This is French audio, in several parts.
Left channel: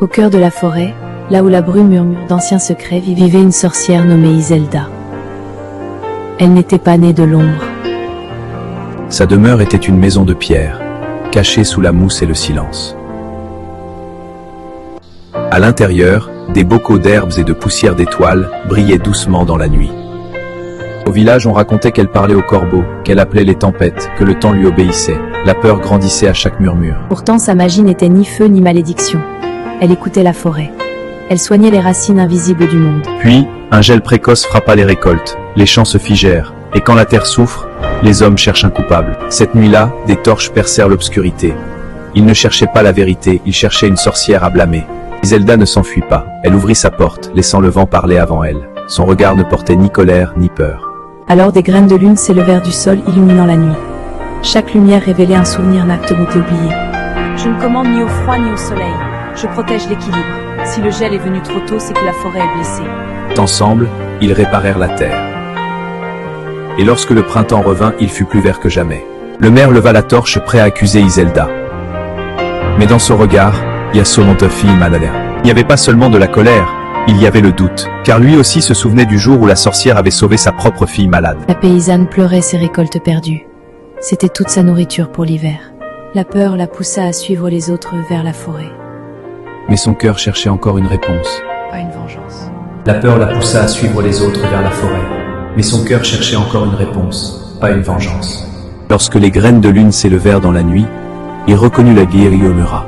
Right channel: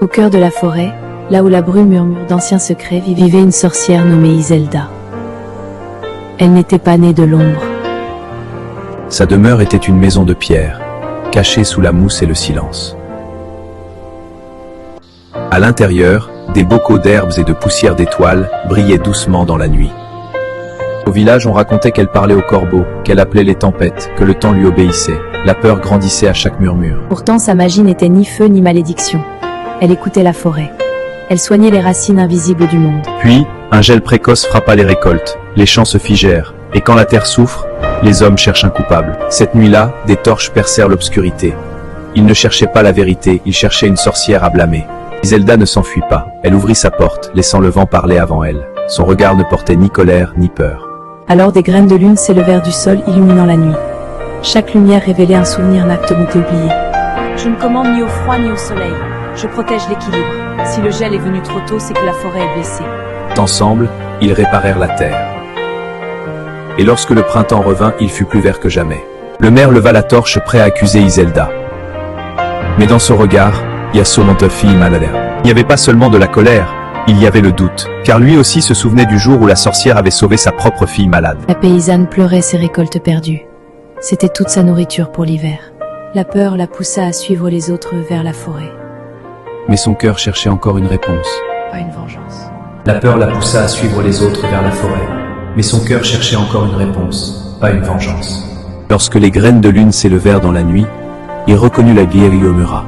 Au cœur de la forêt, là où la brume murmure d'anciens secrets, vivait une sorcière nommée Iselda. Elle n'était pas née de l'ombre. Sa demeure était une maison de pierre, cachée sous la mousse et le silence. À l'intérieur, des bocaux d'herbes et de poussière d'étoiles brillaient doucement dans la nuit. Au village, on racontait qu'elle parlait aux corbeaux, qu'elle appelait les tempêtes, que le temps lui obéissait. La peur grandissait à chaque murmure. Pourtant, sa magie n'était ni feu ni malédiction. Elle écoutait la forêt. Elle soignait les racines invisibles du monde. Puis, un gel précoce frappa les récoltes, les champs se figèrent, et quand la terre souffre, les hommes cherchent un coupable. Cette nuit-là, des torches percèrent l'obscurité. Ils ne cherchaient pas la vérité, ils cherchaient une sorcière à blâmer. Iselda ne s'enfuit pas. Elle ouvrit sa porte, laissant le vent parler avant elle. Son regard ne portait ni colère ni peur. Alors des graines de lune s'élevèrent du sol, illuminant la nuit. Chaque lumière révélait un souvenir inactement oublié. Je ne commande ni au froid ni au soleil. Je protège l'équilibre. Si le gel est venu trop tôt, c'est que la forêt est blessée. Ensemble, ils réparèrent la terre. Et lorsque le printemps revint, il fut plus vert que jamais. Le maire leva la torche, prêt à accuser Iselda. Mais dans son regard, il y a sûrement ta fille malade. Il n'y avait pas seulement de la colère, il y avait le doute, car lui aussi se souvenait du jour où la sorcière avait sauvé sa propre fille malade. La paysanne pleurait ses récoltes perdues. C'était toute sa nourriture pour l'hiver. La peur la poussa à suivre les autres vers la forêt. Mais son cœur cherchait encore une réponse. Pas une vengeance. La peur la poussa à suivre les autres vers la forêt. Mais son cœur cherchait encore une réponse, pas une vengeance. Lorsque les graines de lune s'élevèrent dans la nuit, il reconnut la guérie et murmura.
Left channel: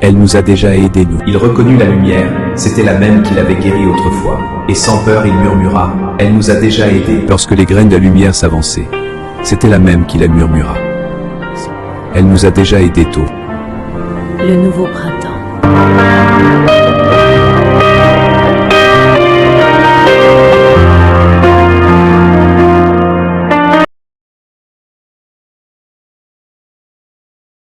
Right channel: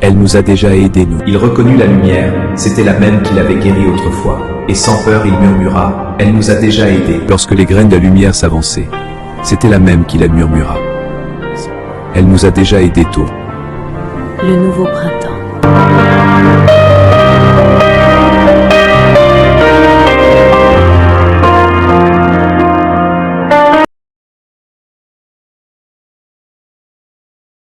Elle nous a déjà aidés, nous. Il reconnut la lumière, c'était la même qu'il avait guérie autrefois. Et sans peur, il murmura, elle nous a déjà aidés. Lorsque les graines de la lumière s'avançaient, c'était la même qu'il murmura. Elle nous a déjà aidés tôt. Le nouveau printemps.